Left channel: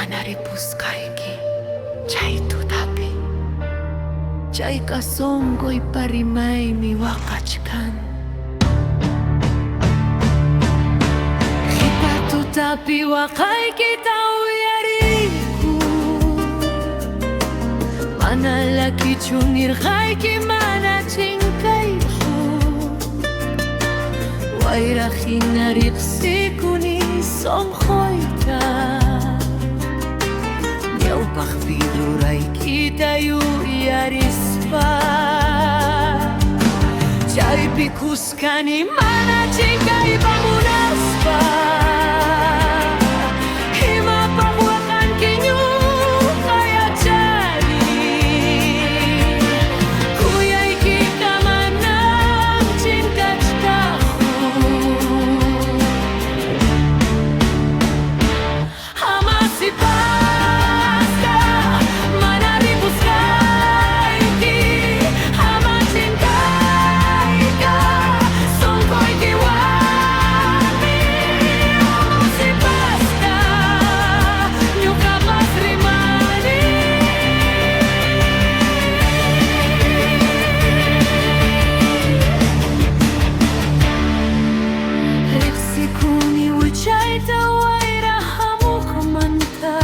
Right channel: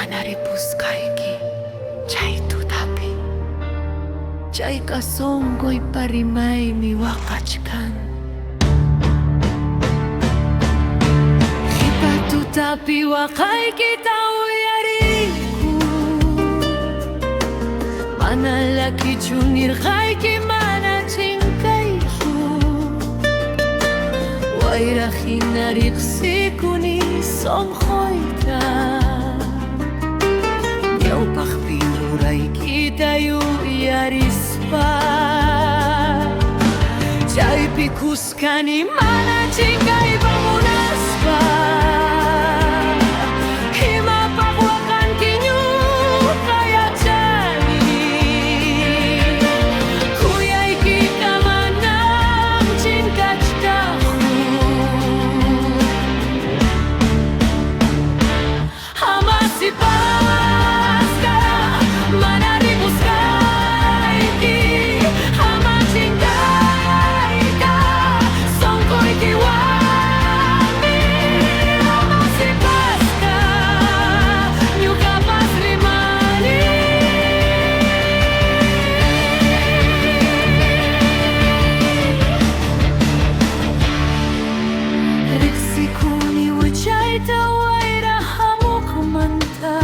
manaripuskayki chay tutapi. Chay kasonkoy parimaymi waqachkan. Qipa tutapi waqaykita uyariku, mana lakichu nirqayki mana chinkaychu. Wayrajina riqsikuni sonqoyta, ñawpaqpi ruraykita yuyarispa. Chaypi kuskani mana chinkaypa munaspa. Imapaq waqanki ñuqa yachani, kuyaykita manam chinkachtachu. Amasipasqa mana ripuskayki, ama chinkayka sonqoykiwanmi. Amasipasqa ñuqapas rimani. Riqsikuni wichayta wayra hamuqmanta,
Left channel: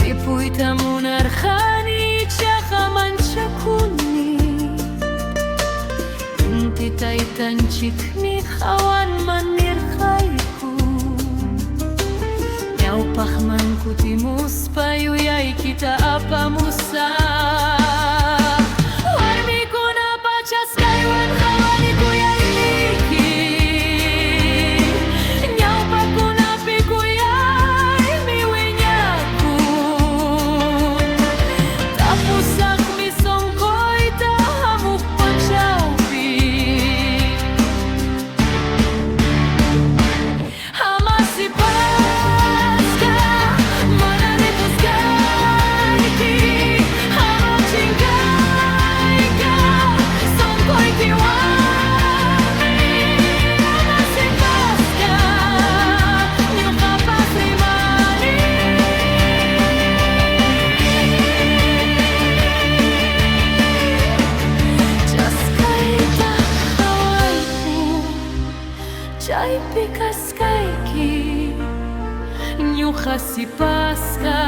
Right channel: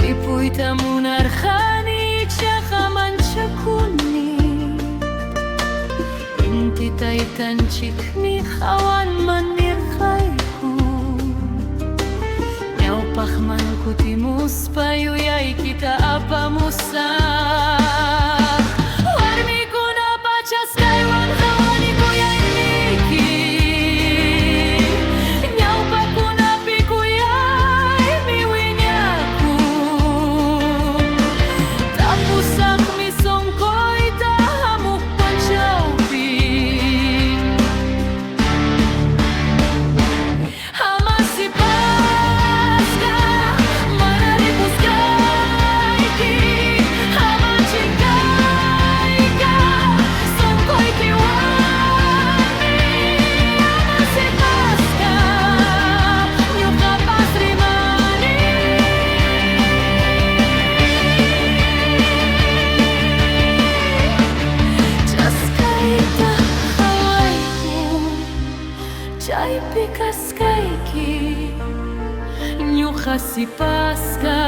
ripuyta munarqani ichaqa manchakuni. Inti taytanchikmi qawanman nirqayku, ñawpaqman kutimuspa yuyaykita apamusaq. Warmikuna pachaskaywan qhawani kuyayniki, ñawpakunapi kuyaymi wiñakun. Tapusaqmi sonqoyta hamuq punchawpi. Amasipasqa mana ripuskayki, ama chinkayka sonqoykiwanmi. Amasipasqa ñuqapas rimani. Chaskayta qhawayku, chaypi kaskayki, ñuqa sipasqa